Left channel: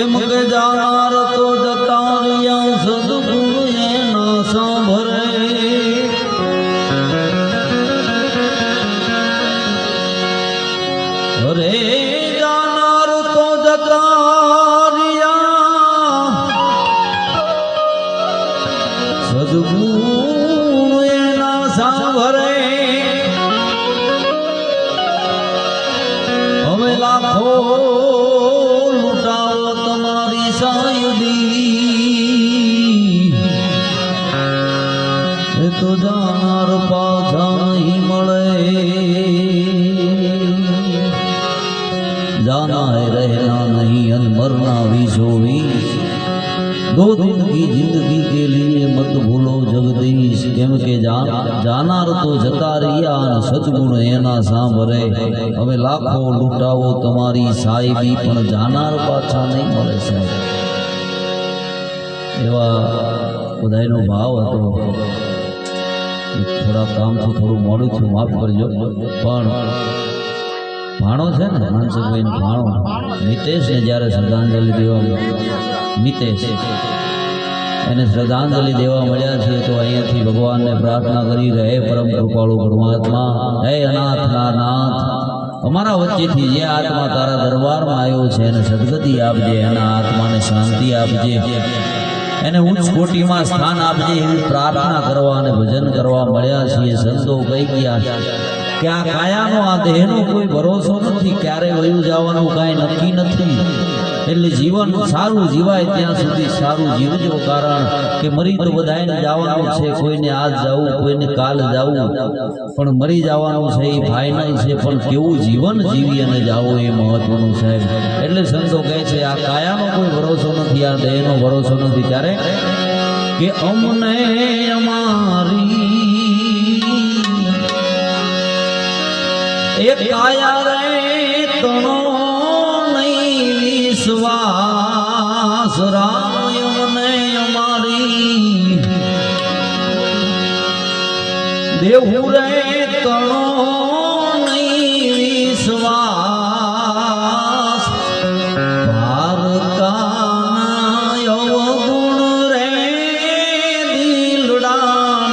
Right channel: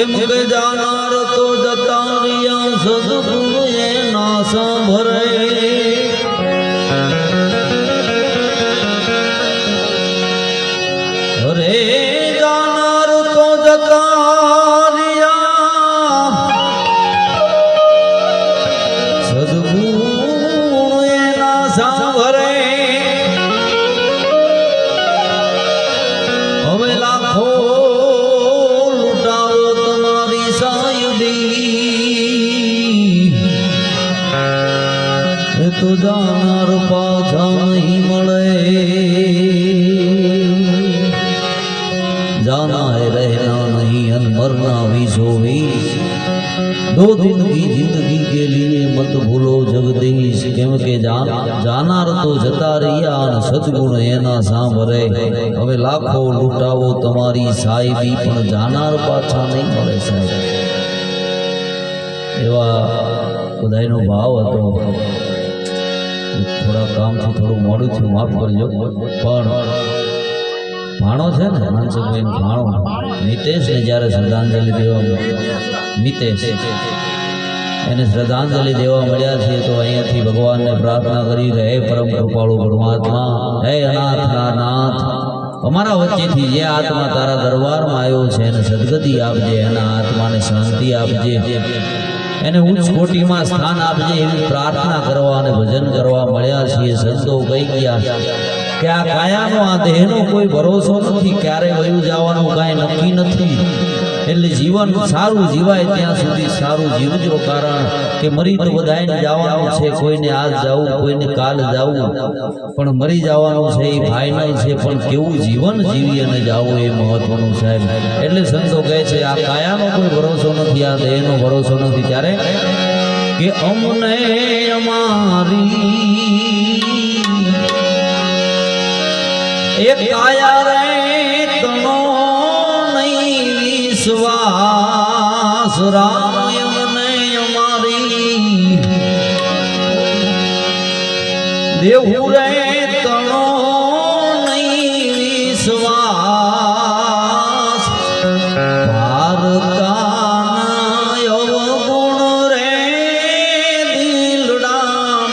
એમ કે જાનાર તો જતા રહ્યા સદગુરુ એના સાંભળે અરે જાનાર તો જતા રહ્યા સદગુરુ એના સાંભળે હવે લાખો લૂંટાવો તમારી સાયુદી એ તો જાનાર પાછા નહીં મળે जाना है रहना नहीं अन मरना 20 दो दिन की जिंदगी के लिए मत भूलो जगदीश केम के जानार तो जता रिया अन सतगुण एना सांभरे हवे लाखो लूटावो तमारी साहिबी पण जानार पाछा नहीं मळे साहेब एवा बधाईनो भाव हतो थोड़ा काम थी थोड़ું મોડું થયું માફ કરજો પણ ભાણો છે ને માનસુભાઈ ભાણો મિતેશ ને જ્યારે શ્રદ્ધાંજલિ દેવા મિતેશ એને શ્રદ્ધાંજલિ દેવા મળ્યા છે તો અહીંયાથી ભગવાનને પ્રાર્થના કરી કે હે પરમ કૃપાળુ પરમાત્મા હે અનાથના નાથ અમારા વચ્ચેથી જે આત્મા તારા દરબારમાં આવ્યો છે એને સદગતિ આપજે એના આત્માને શાંતિ આપજે એને ઉચ્ચ કોટીમાં સ્થાન આપજે એવી પ્રાર્થના કરવા અને ભજન કરવા મળ્યા છીએ સંતો કહી ગયા કે આ કાયાનો આ દેહનો કોઈ ભરોસો નથી ક્યારે વયું જવાનું કાંઈ નક્કી નથી એટલે જીવન સારું જીવાય ત્યાં સુધી સારું જીવજો કારણ કે મરી તો બધાને જવાનું છે કોઈને આજ જવું કોઈને કાલ જવું પણ મરી જવાનું છે એ ફાઇનલ છે પણ કેવું જીવન જીવી અને જાવું એ મહત્વનું સાહેબ એટલે સંતો કહે છે આ કાયાનો કોઈ ભરોસો નથી આ દેહનો ભરોસો નથી ત્યારે કે અમને અમારી एक काया रे तनो नहीं विश्वास राम यमने हमारी देहु रे तनो नहीं विश्वास भारताना अवगुण रे दिलडामानो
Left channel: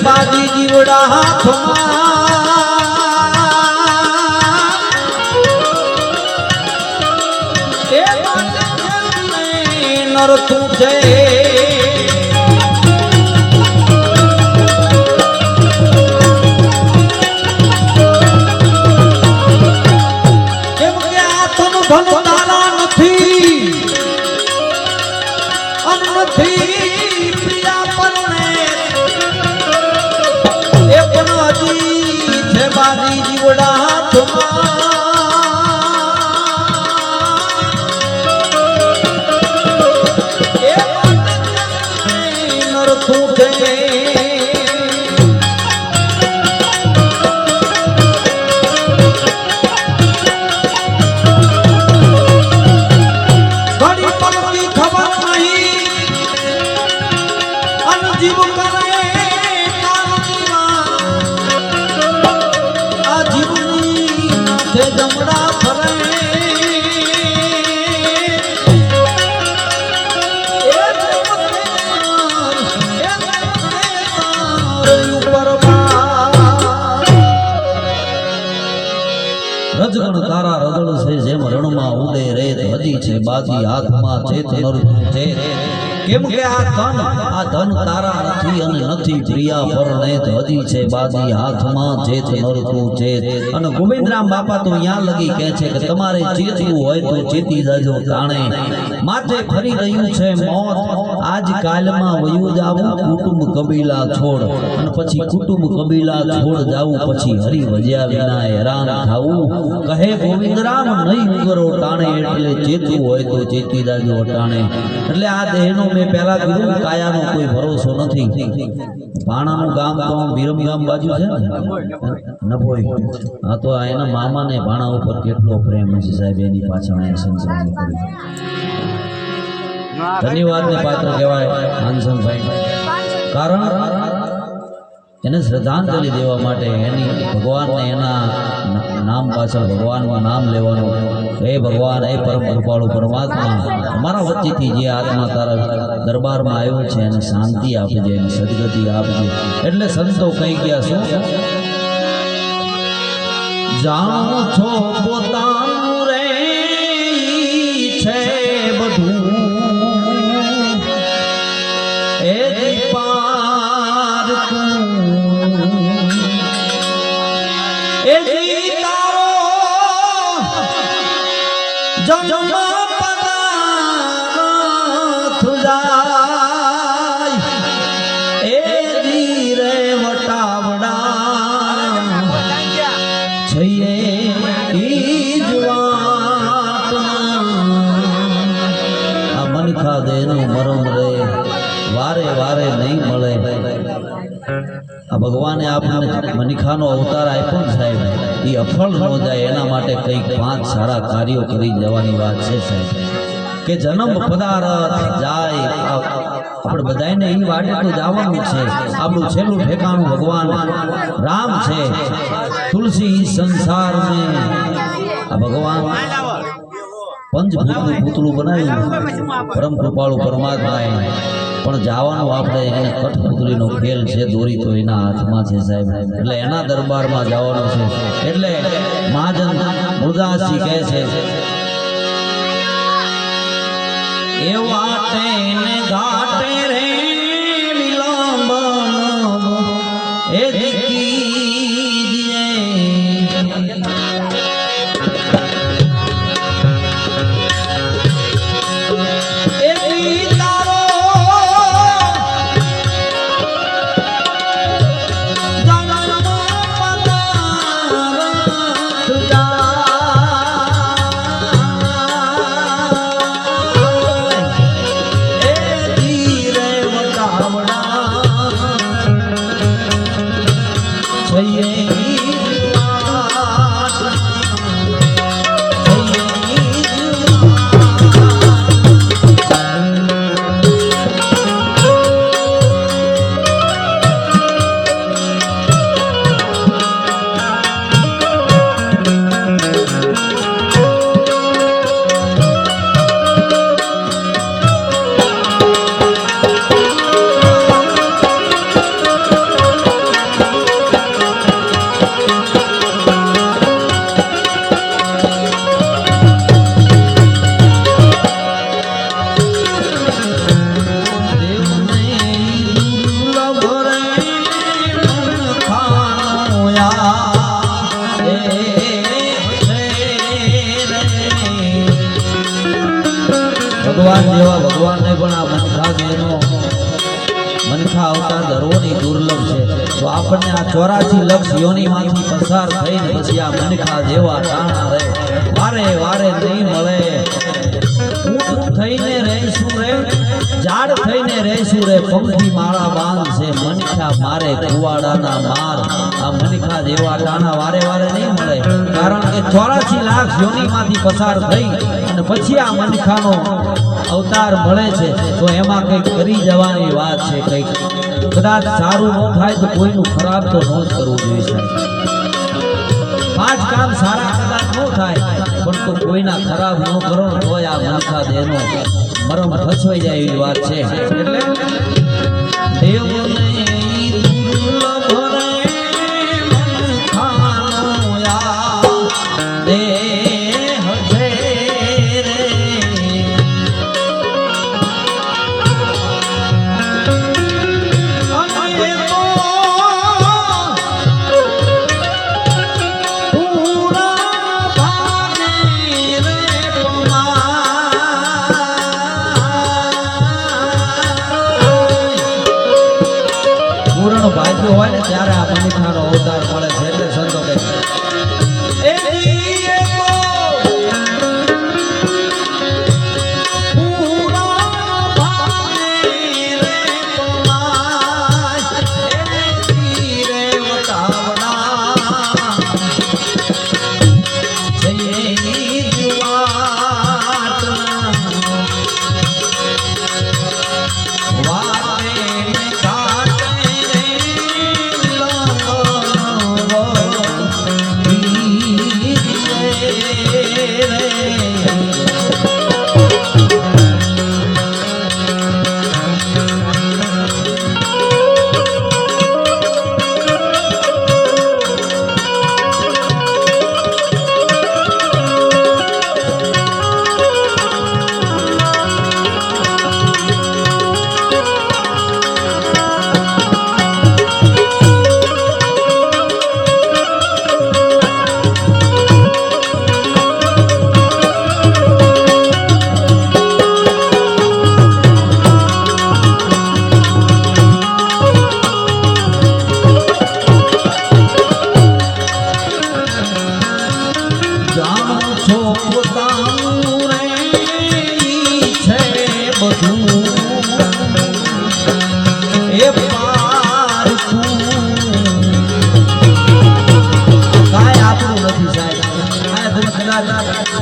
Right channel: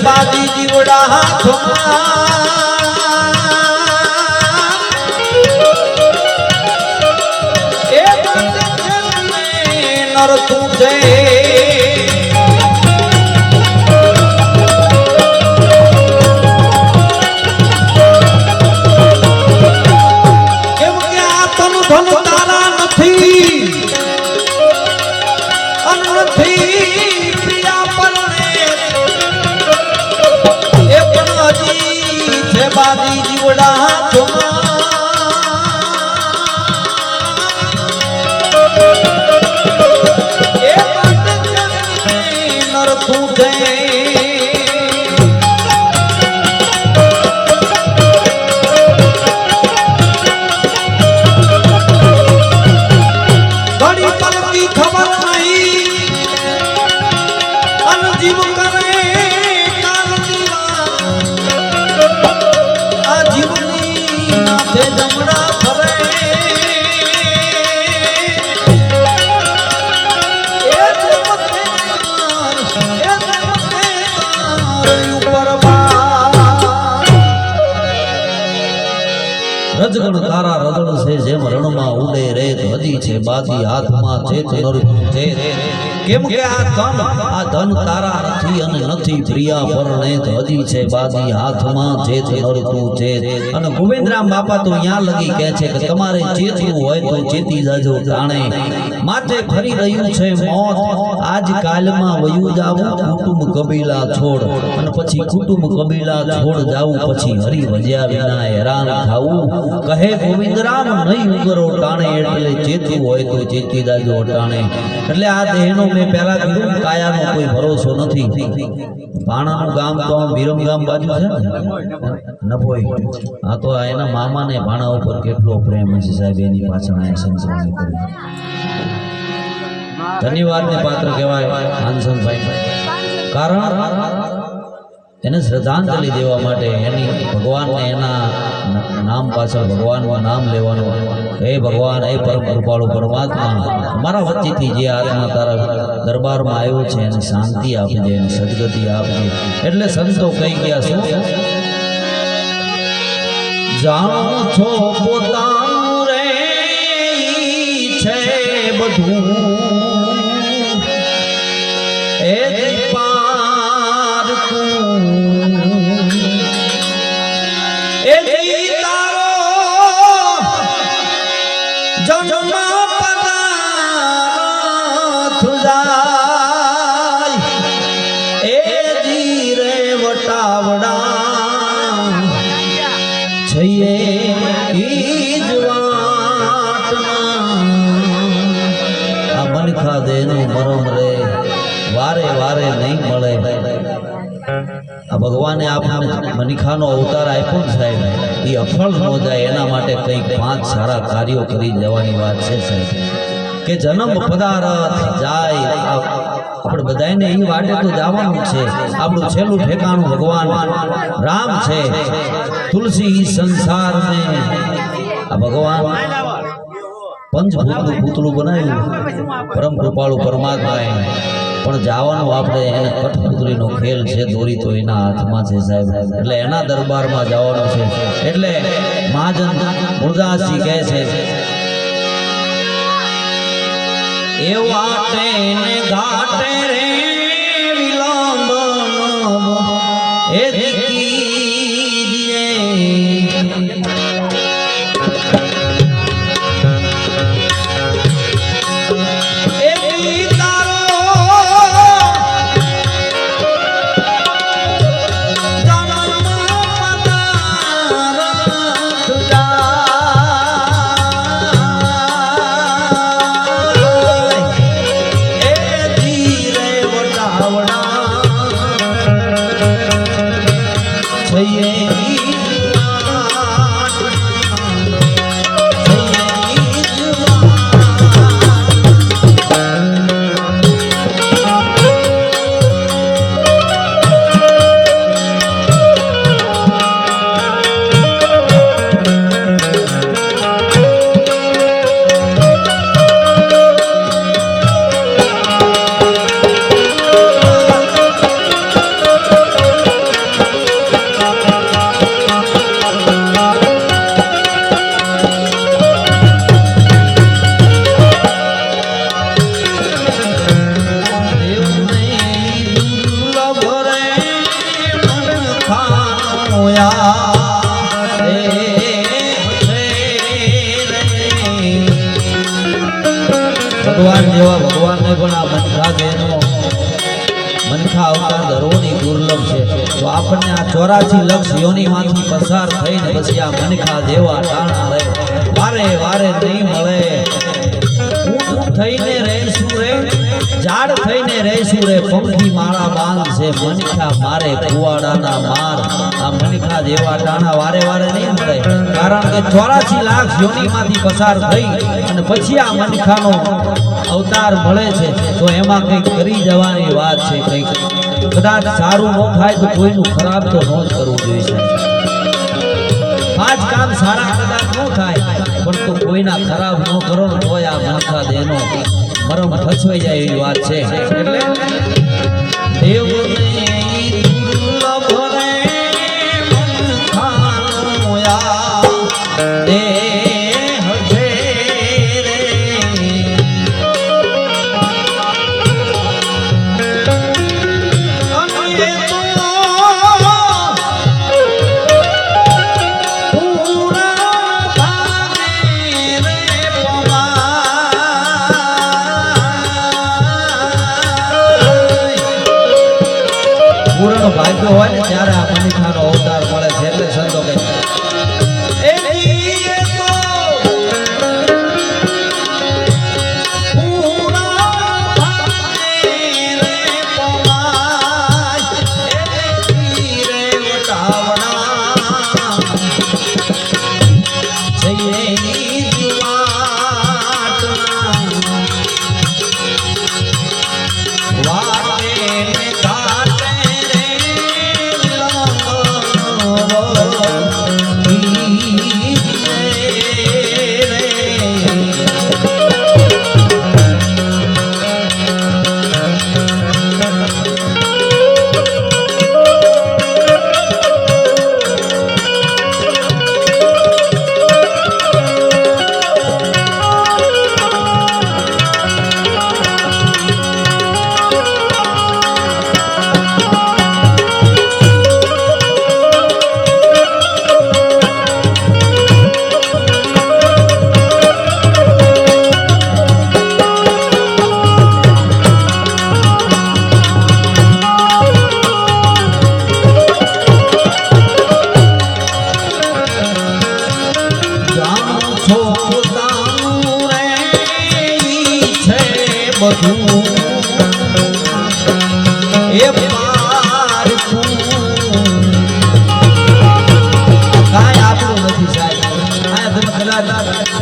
બાજી જીવડા હાથમાં એ નરતું છે કેમ કે આ તન ધન તારા નથી નથી પ્રિયા પરણે એ પણ હજી છે બાજી જીવડા હાથમાં એ માટે નરતું છે રજગણ તારા રજળ છે જેમ રણમાં ઉડે રે હજી છે બાજી હાથમાં છે છે કેમ કે આ ધન તારા નથી અને નથી પ્રિયા પરણે હજી છે બાજી હાથમાં છે નરતું છે અને ગોવિંદરામ બાપા તો ત્યાં લગી કહે છે કે તમારે ચેતવું હોય તો ચેતી જાજો તાણે માથે ફરી રહ્યું છે મોત આજ કાલમાં વયું જાવું કુટુંબ કબીલા છોડ અને પછી કુટુંબ કબીલા છોડ જાવું પછી હરી વજ્યા વિના હેરાન થાવું કહે ગોવિંદરામ નહીં ઉગરો ટાણે એટલે ચેતવું હોય તો ચેતી જાજો ટાણે એટલે આ દેહનો મેં પહેલા કીધું કાયાનો કોઈ ભરોસો નથી ભાણાનું ગામ તો વિરમ ગામ બાજુ છે ને નભોઈ હા તો એના મામાને ભાણા ઉપર કેટલો પ્રેમ છે સાહેબ એની પાછળ અહીંયા સંસારની કરી ધન્યવાદને પાત્ર કહેવાય માનસનભાઈ કારણ એને શ્રદ્ધાંજલિ દેવા માટે એની ભગવાનને એના નામ પાછળ ભગવાનનું નામ લેવાનું હે ભગવાન હે પરમ કૃપાળુ પરમાત્મા અમારા વચ્ચેથી જે આત્મા તારા દરબારમાં આવ્યો છે એને શાંતિ આપજે એને સદગતિ આપજે એટલે સંતો કહી ગયા શું જાણો છો પોતાનું રે છે બધું એ પારકું એ તારો જન્મ પદાર્થ જાય એ જીરે વટાવડા છઈએ ઈજ વાટના આ મનખા દેનું મરમ રે વારે વારે નહીં મળે આ ભગવાને આપણને મનીખાનો અવતાર આપ્યો સાહેબ એ અફળ ન જાય એના માટે કંઈક 5 સારા કાર્યો કરી જવાની વાત છે સાહેબ કે જન્મ પદાર્થ જાય આપણે બધાને એ વાટે તો જવાનું છે આપણું છેલ્લું ઠેકાણું ભગવાન રામ છે તુલસી સંસાર મેં આ ભગવાન પંચભૂતનું પૂતળું બનાવ્યું પરમ કૃપાળુ પરમાત્માએ પણ જવાનું આપણે એને કઠપુતળીનો ખેલ છે, દોરી તો એના હાથમાં છે સાહેબ, એટલે એના દરબારમાં જવાનું છે. એટલે મહાજન મુરદાસજી કહે છે એ વાટે ને ઘાટે રે વિલંબનો એ દીકીજે એ તારો ભગવાન જેવા ભગવાનને પણ આ મનખા બહેનો મનખા અવતાર ધરવાની દુર્લભ છે. તો આપણને આ 84 લક્ષ યોનિમાંથી પસાર થઈને પછી આ મનખા જેવા ટાણા રહે વારે વારે નહીં મળે. ઊંટ થઈને રહેશું રે, ઝાડ થઈને રહેશું રે, પંખી માળા બાંધ છે મનખા મારે કુવાડાના માર. આ મનખા જેવા ટાણા વારે વારે નહીં મળે, કારણ કે 84 લાખ યોનિમાંથી પસાર થઈ અને પછી આ મનખાનો અવતાર મળે છે. તો એમાં કંઈક કરી જવાની વાત છે. કંઈક કદાચ સારું ન થાય તો કોઈનું ખરાબ તો ન જ કરવું જોઈએ. 5 કામ સારા કદાચ ન થાય પણ તો કોઈના ખરાબ ન કરો તો આ મનખા દેનો મરમ ફસવાઈ જાય એવી વાત છે. એટલે દેવને દુર્લભ રે મનખાનો યા દેહ છે રે. ભાગ્ય હોય ને ત્યારે આ મનખાનો અવતાર મળે છે. એટલે સંતો કહે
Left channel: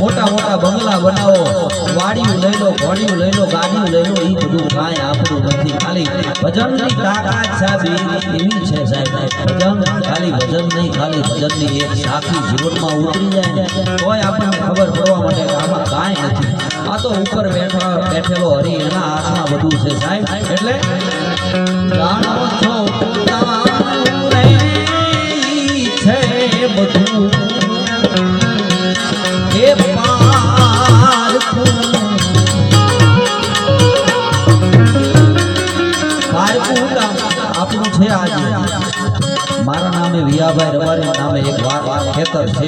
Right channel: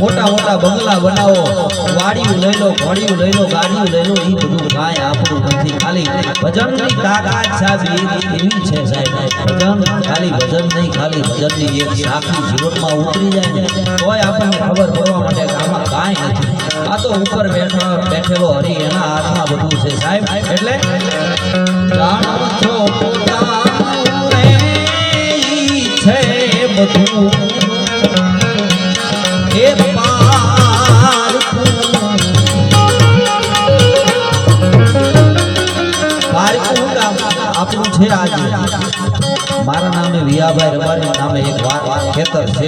મોટા મોટા બંગલા બનાવો, વાડીયું લઈ લો, ઘોડીયું લઈ લો, ગાડીયું લઈ લો, એ બધું કાંઈ આપણું નથી. ખાલી ભજનની તાકાત સાહેબ એવી છે સાહેબ. ભજન ખાલી ભજન નહીં, ખાલી ભજનની એક સાખી જીવનમાં ઉતરી જાય ને તોય આપણને ખબર પડવા માટે કે આમાં કાંઈ નથી. આ તો ઉપર બેઠેલો હરી એના હાથમાં બધું છે સાહેબ. એટલે જાણો છો પોતાનું રે ઈ છે બધું એ પારકું આપણું છે આજે મારા નામે વિયાભાઈ રબારી નામે એક ખેતર છે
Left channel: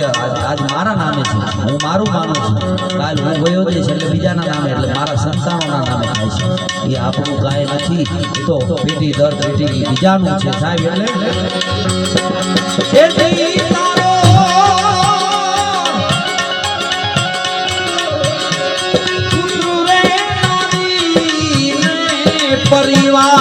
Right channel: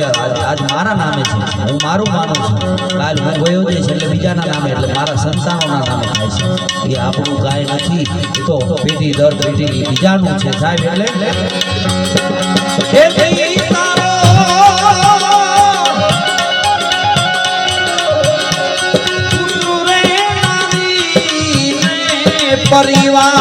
આજ મારા નામે છે. હું મારું માનું છું. કાલ હું ગયો જઈશ એટલે બીજાના નામે એટલે મારા સંતાનોના નામે થાય છે. એ આપણું કાંઈ નથી. એ તો પેઢી દર પેઢી બીજાનું છે સાહેબ. એટલે પરિવાર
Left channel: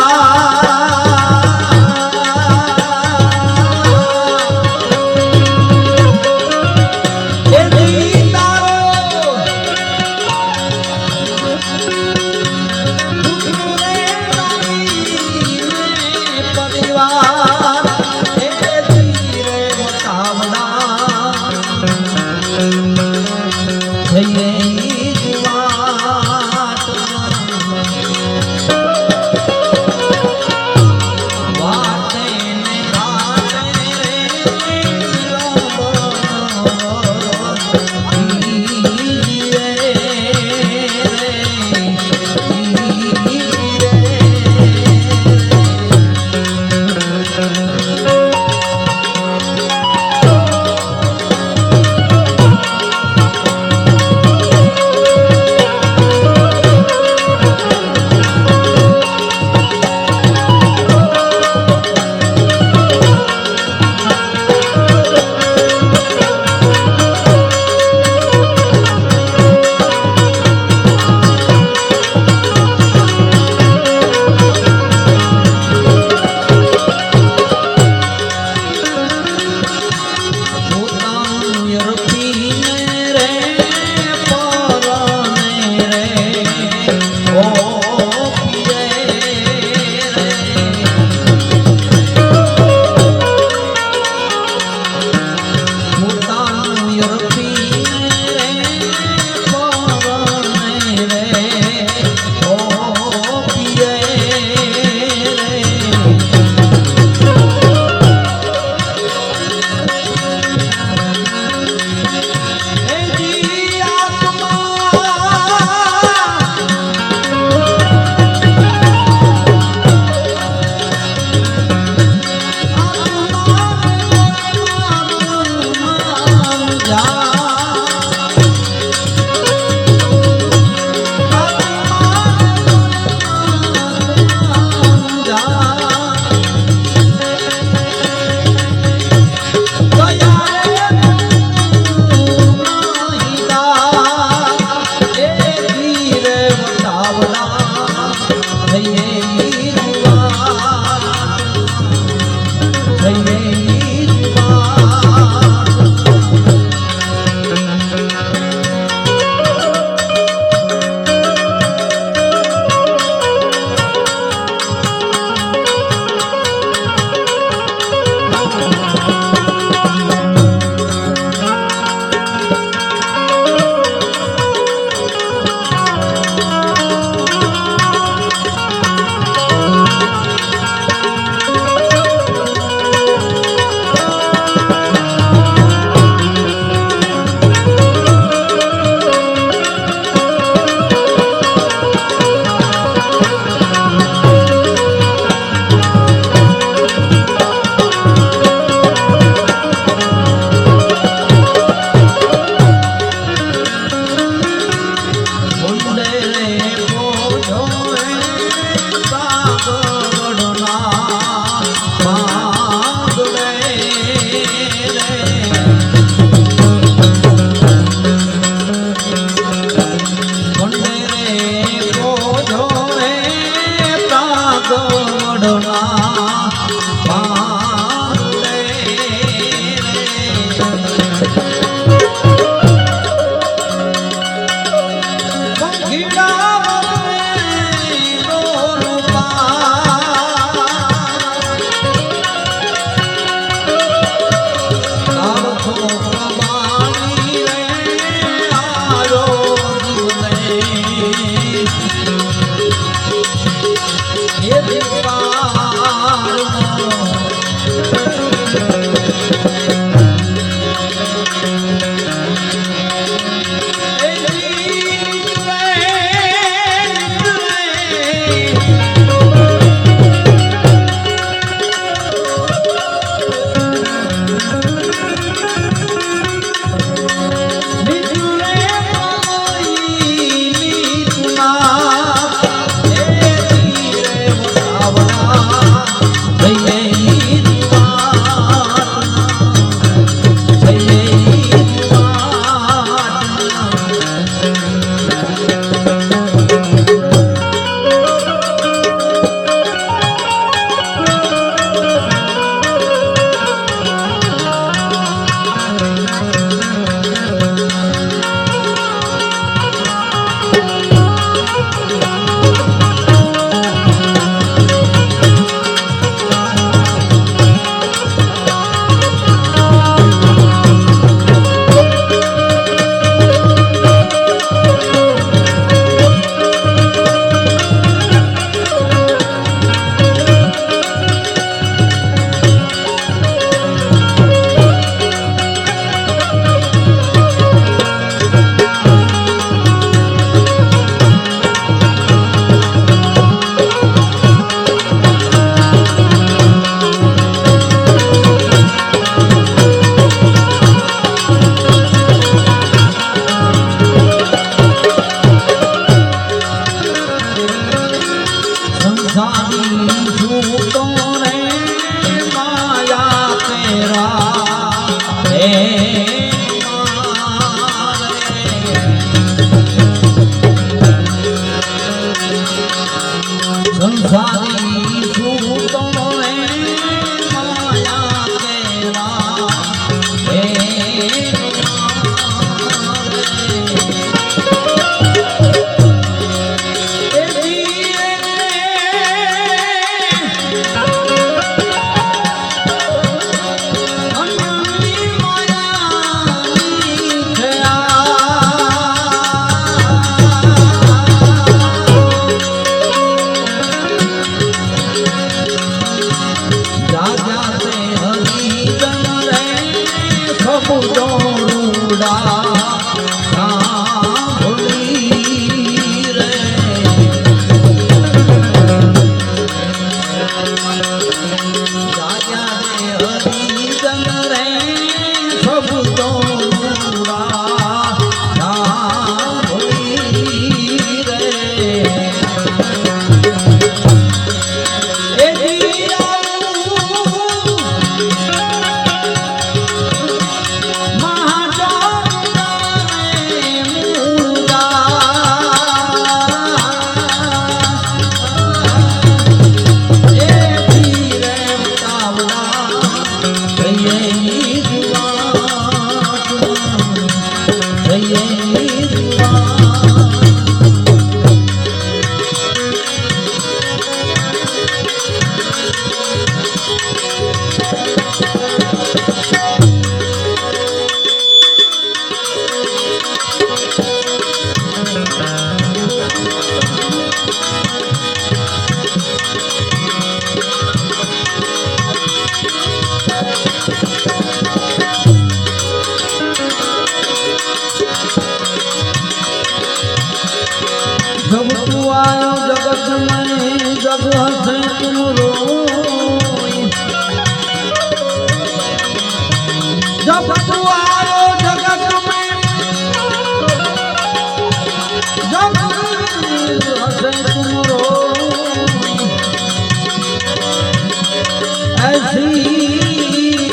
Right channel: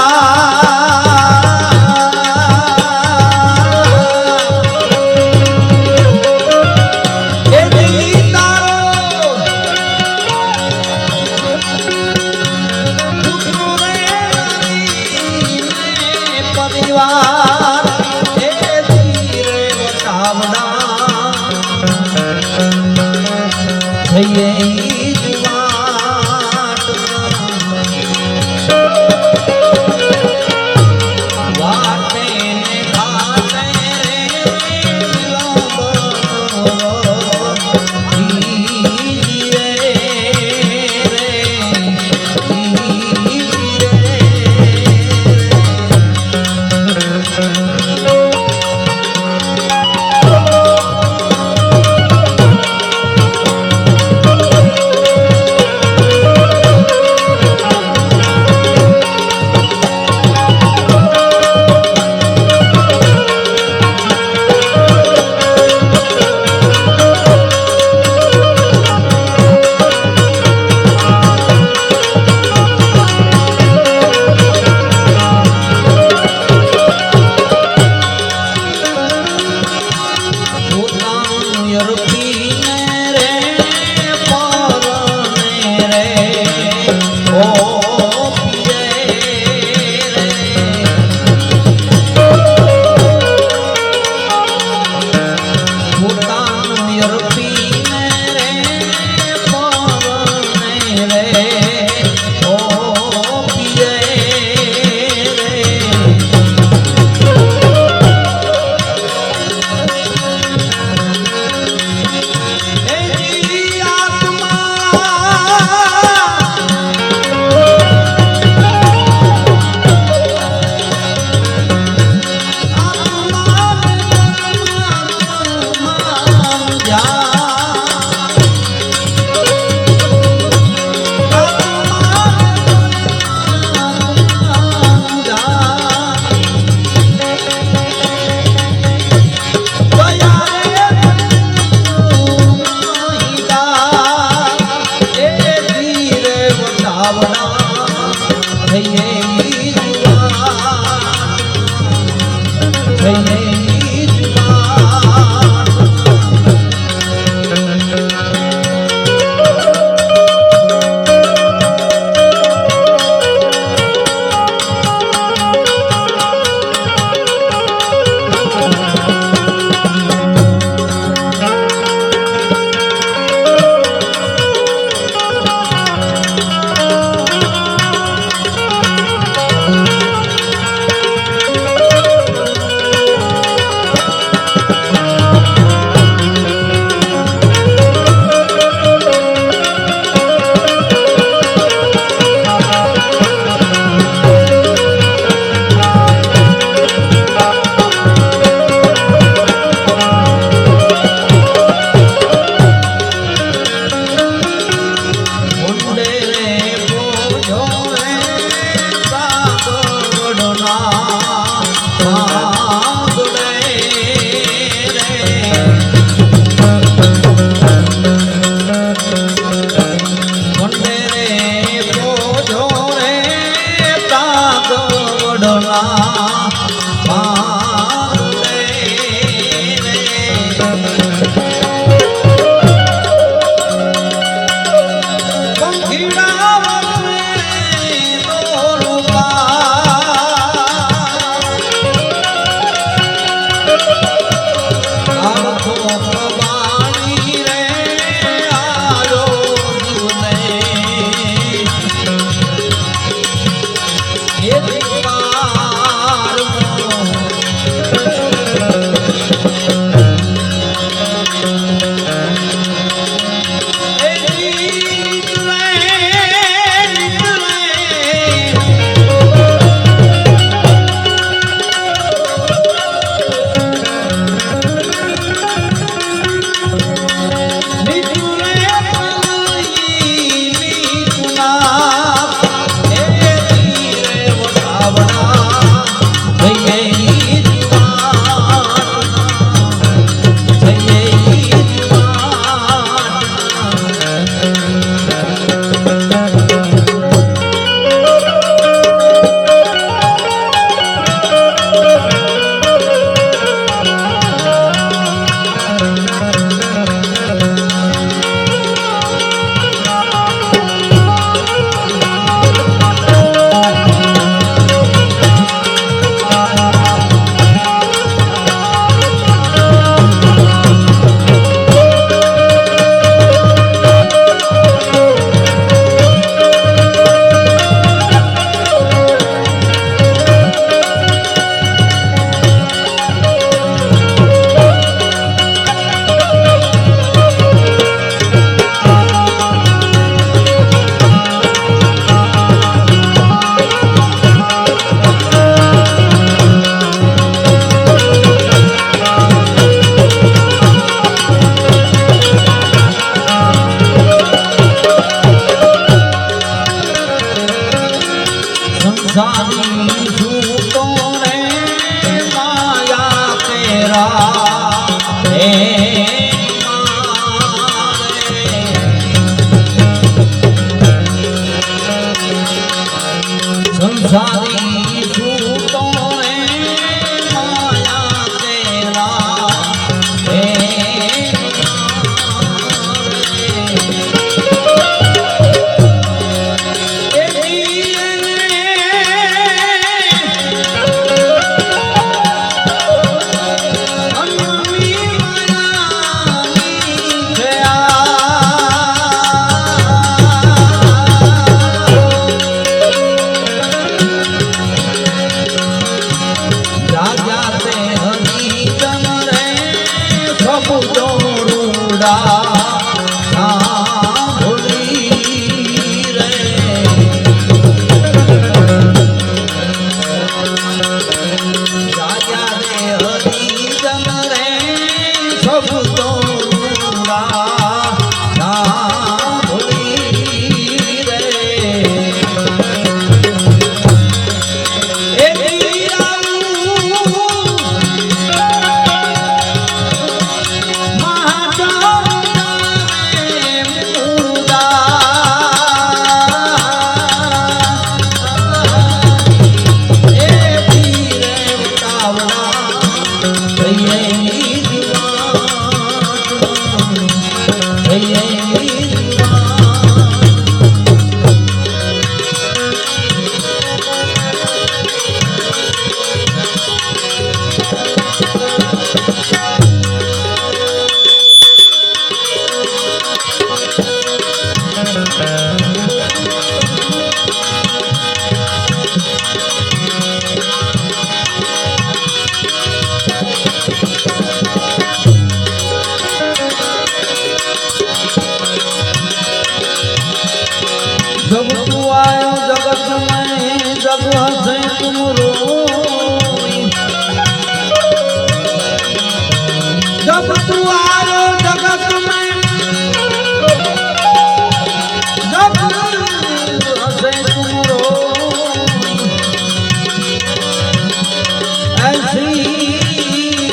હે સંસારી સૂતો રે માયા કેલા હે जब तू आयो जगत में जब हंसे तुम रोई जब तू आयो जगत में जब हंसे तुम रोई ऐसी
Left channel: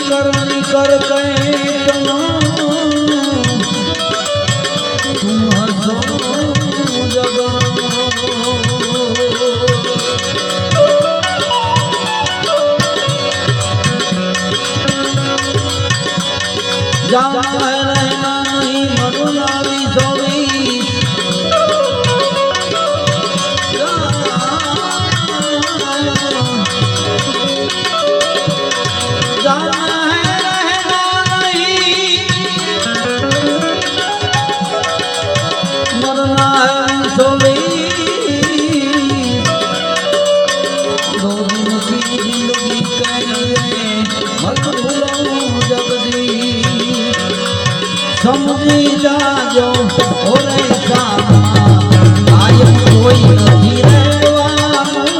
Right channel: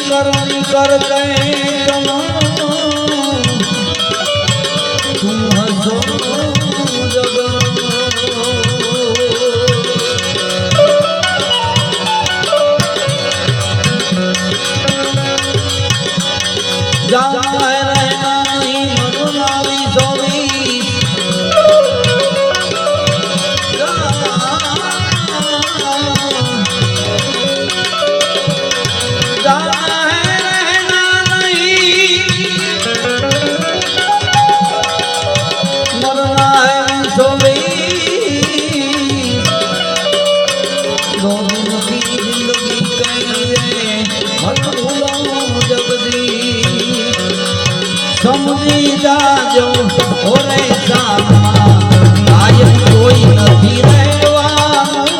करनी करते तुम हंसो समझी जाजो ओरे सामा कायम कोई નથી રહેવાનું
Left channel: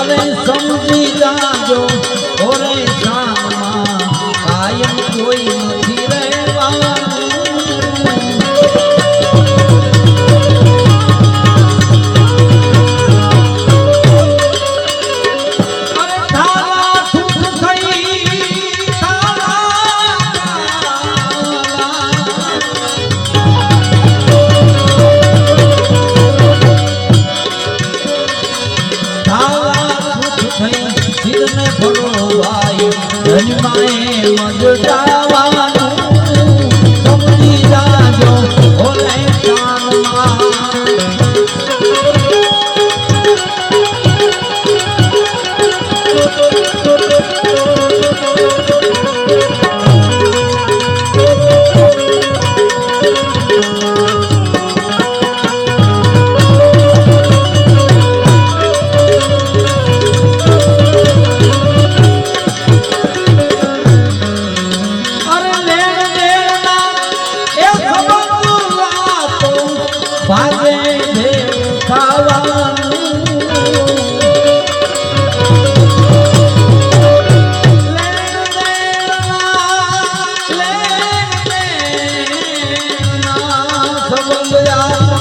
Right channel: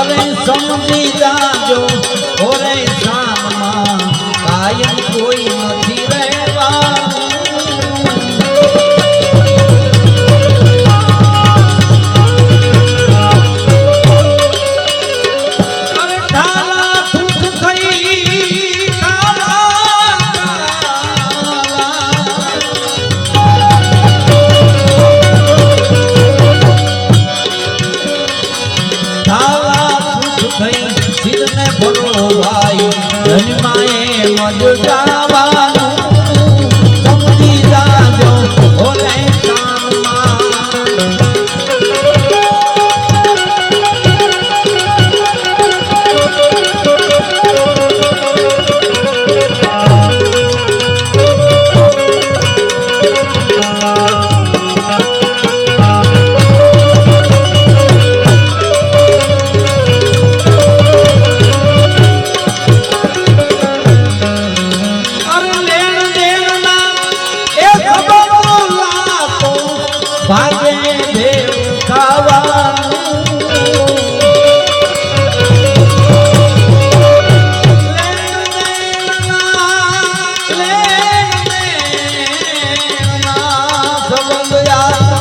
અરે સમજી જાજો ઓરે સામા કાયમ કોઈ નથી સંબંધ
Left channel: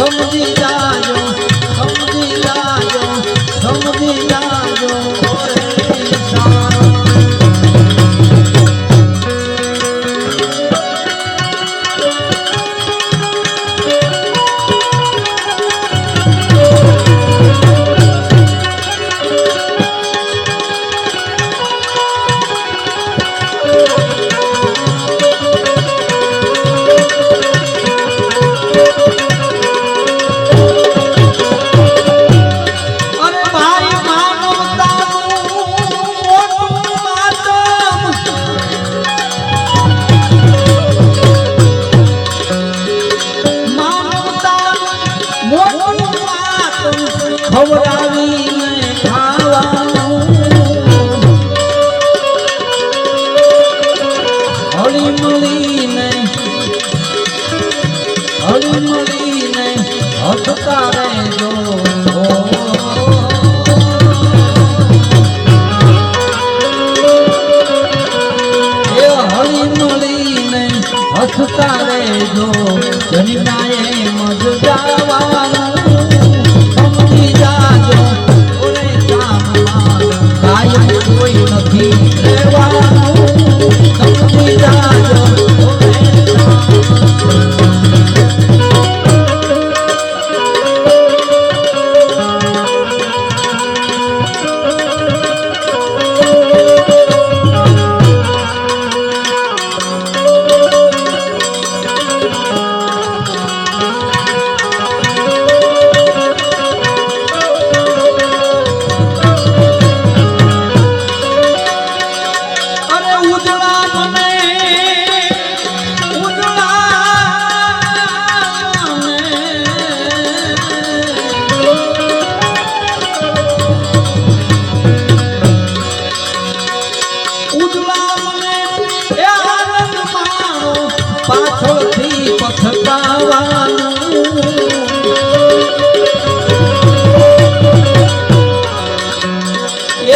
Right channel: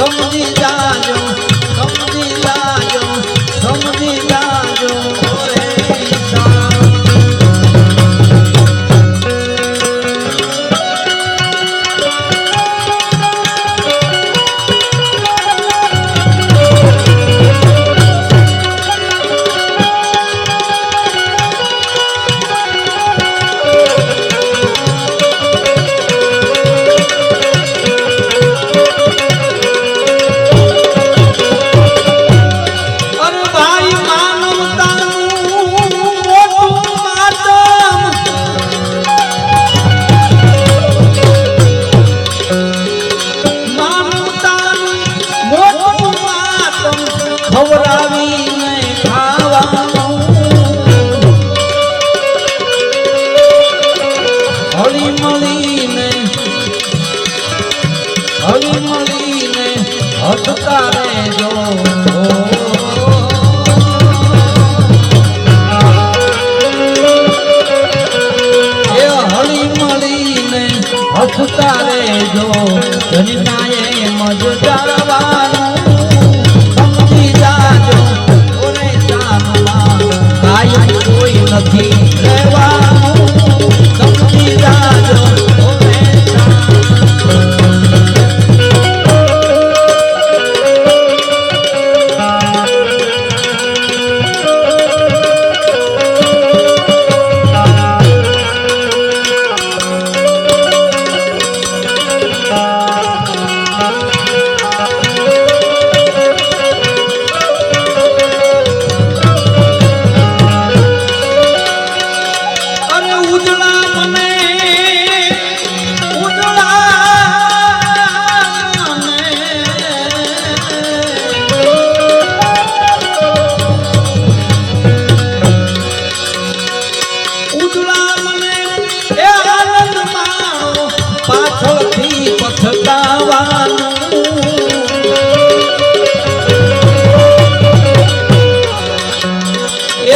સમજી જાજો સમજી જાજો સમજી જાજો ઓરે ઈશાન તારે જો જનિનાએ મજદાવાનું સમજી જાજો ઓરે જાનમાં કાયમ કોઈ નથી રહેવાનું સમજી જાજો ઓરે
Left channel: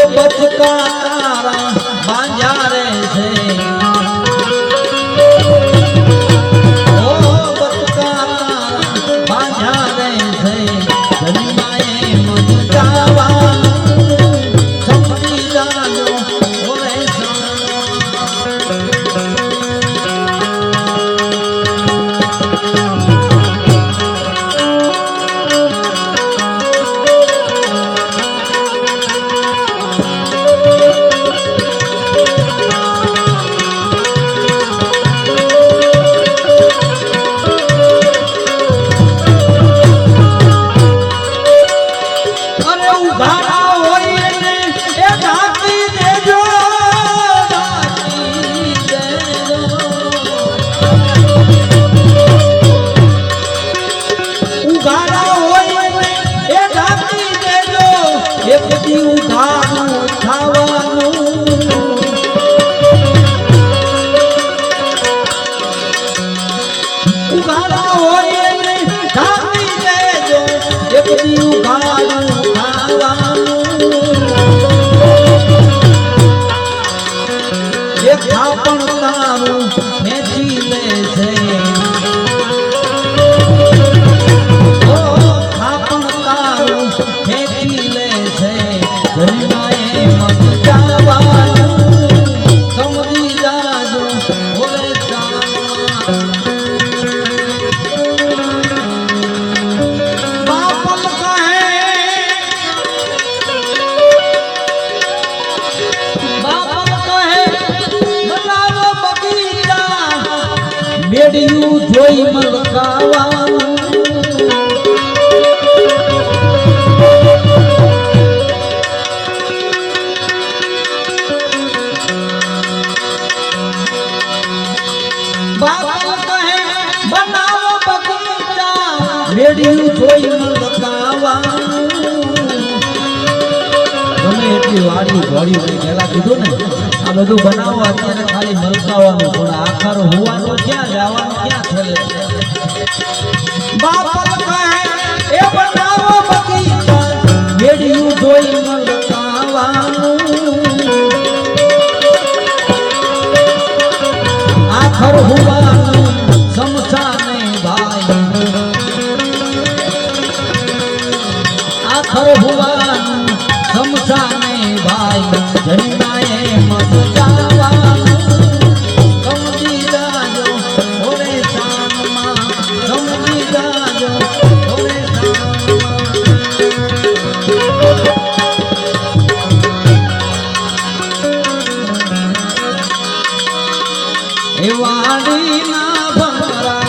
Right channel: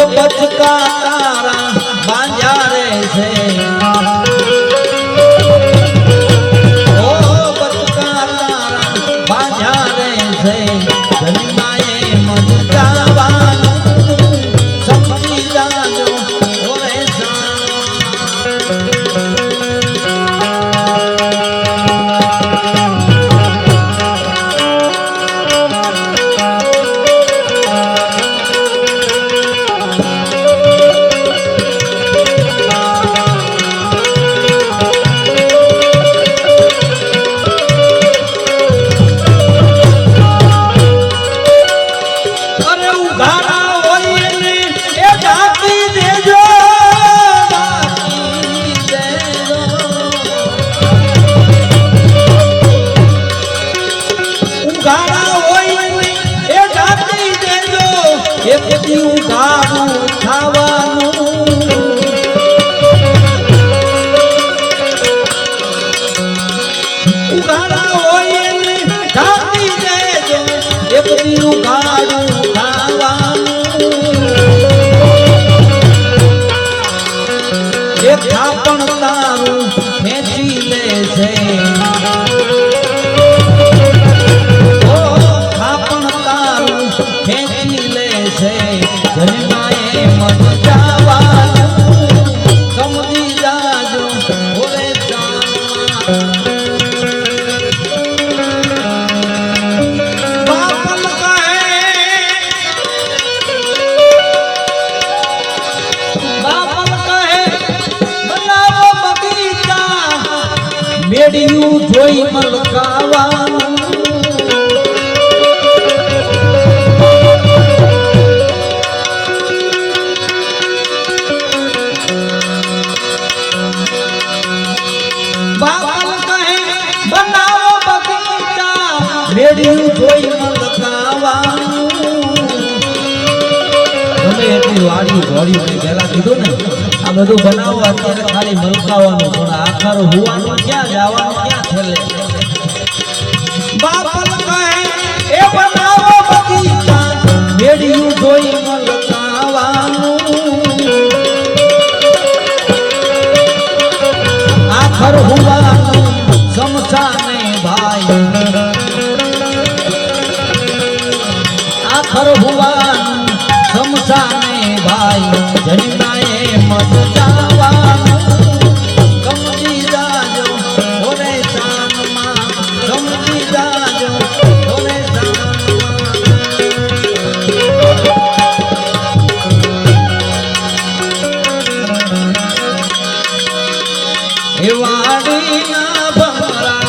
બચકા તારા બાંજારે છે ઓ બચકા તારા બાંજારે છે જન્માએ મજ જાવાનું સમજી જાજો ઓરે મેડિયું જોઈ મલકાવાનું બાપ કહે બનાવો બગીચા મેડિયું જોઈ મલકાવાનું તમે એટલી વાડી ઘોડી પહેલા કીધું ને આ બધું બનાવવા અત્યારે ખાલી મલકાવાનું પણ આખર હોવાનું ક્યાં જવાનું ક્યાં છેલ્લે બાપ કહે એ બનાવો બગીચા મેડિયું જોઈ મલકાવાનું આખર હોવાનું સમસાને ભાઈ આખર હુવાનું સમસાને ભાઈ જન્માએ મત જાવાનું સમજી જાજો ઓરે શાનમાં સમજી જાજો ઓરે શાનમાં એ વાડીના ભમરા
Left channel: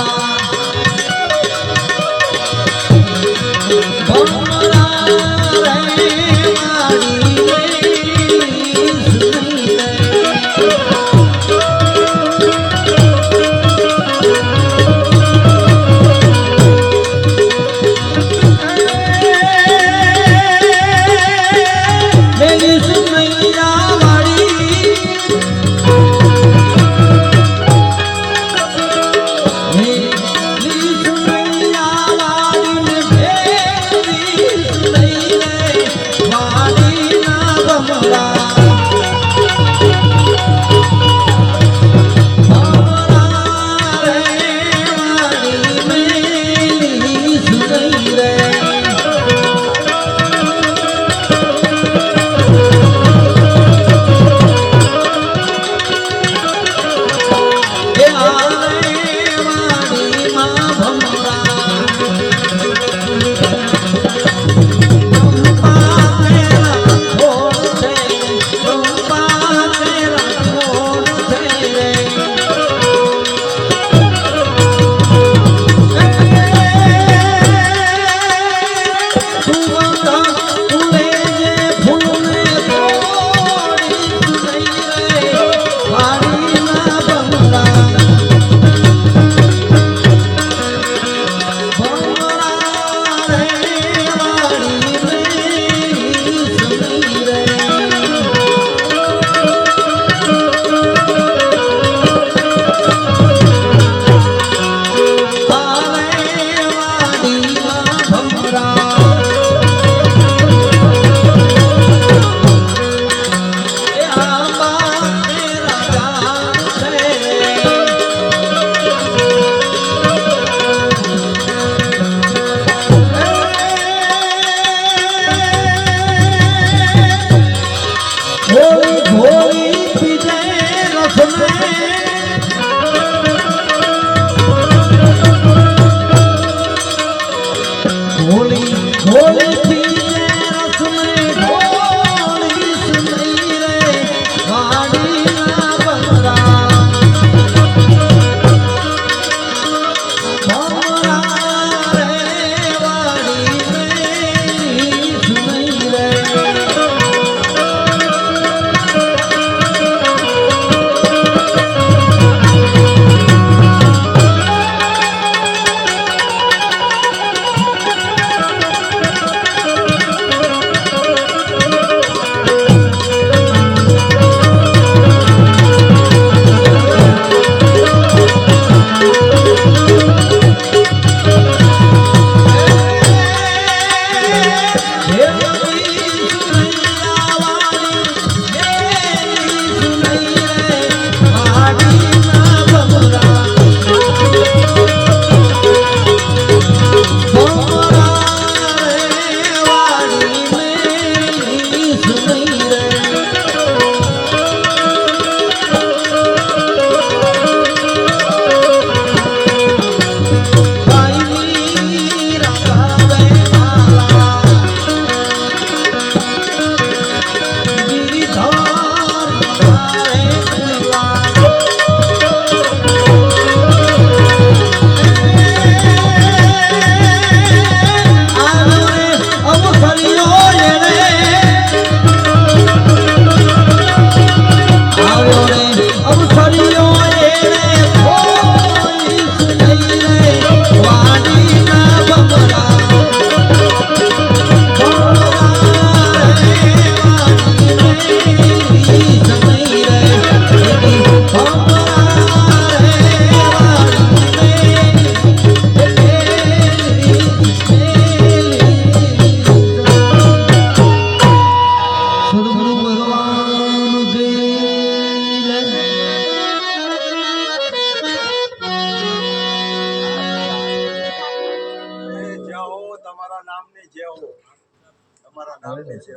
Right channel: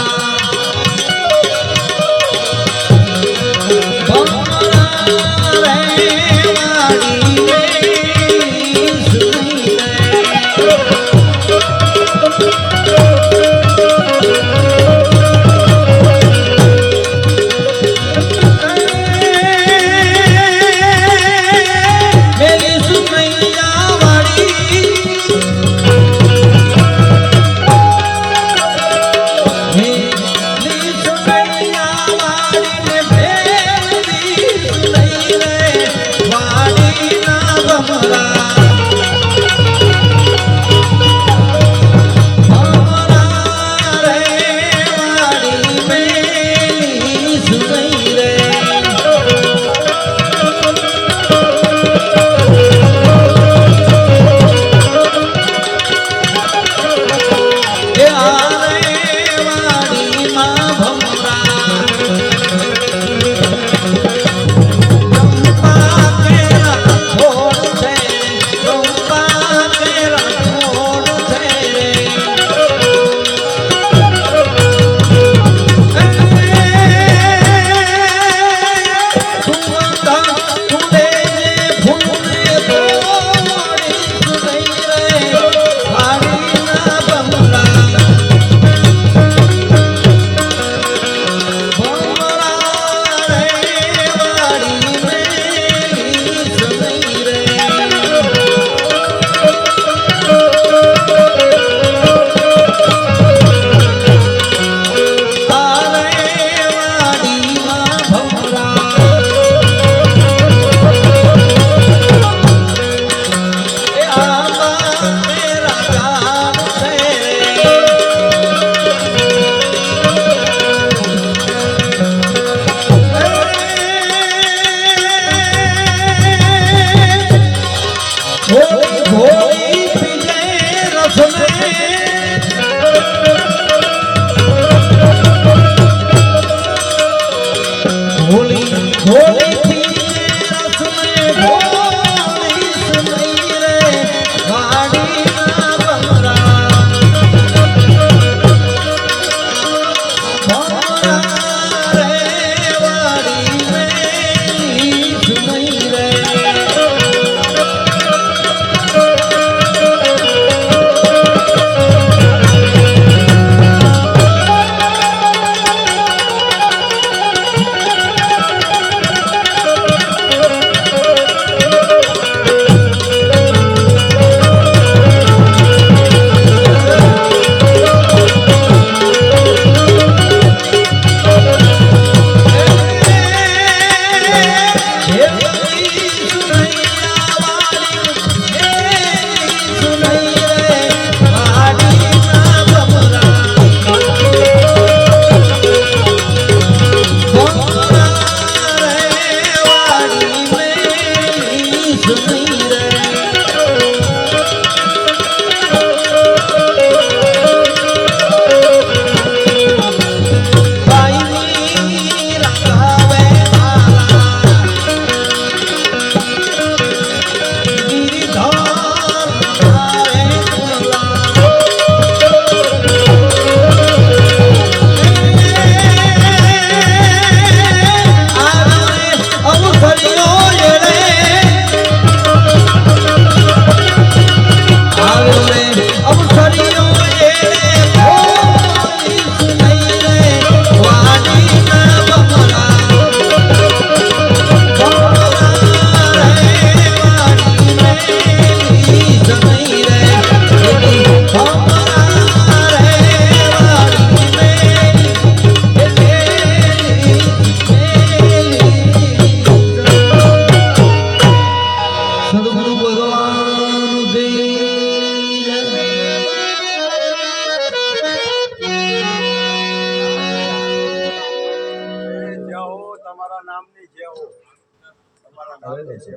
આવેલે છે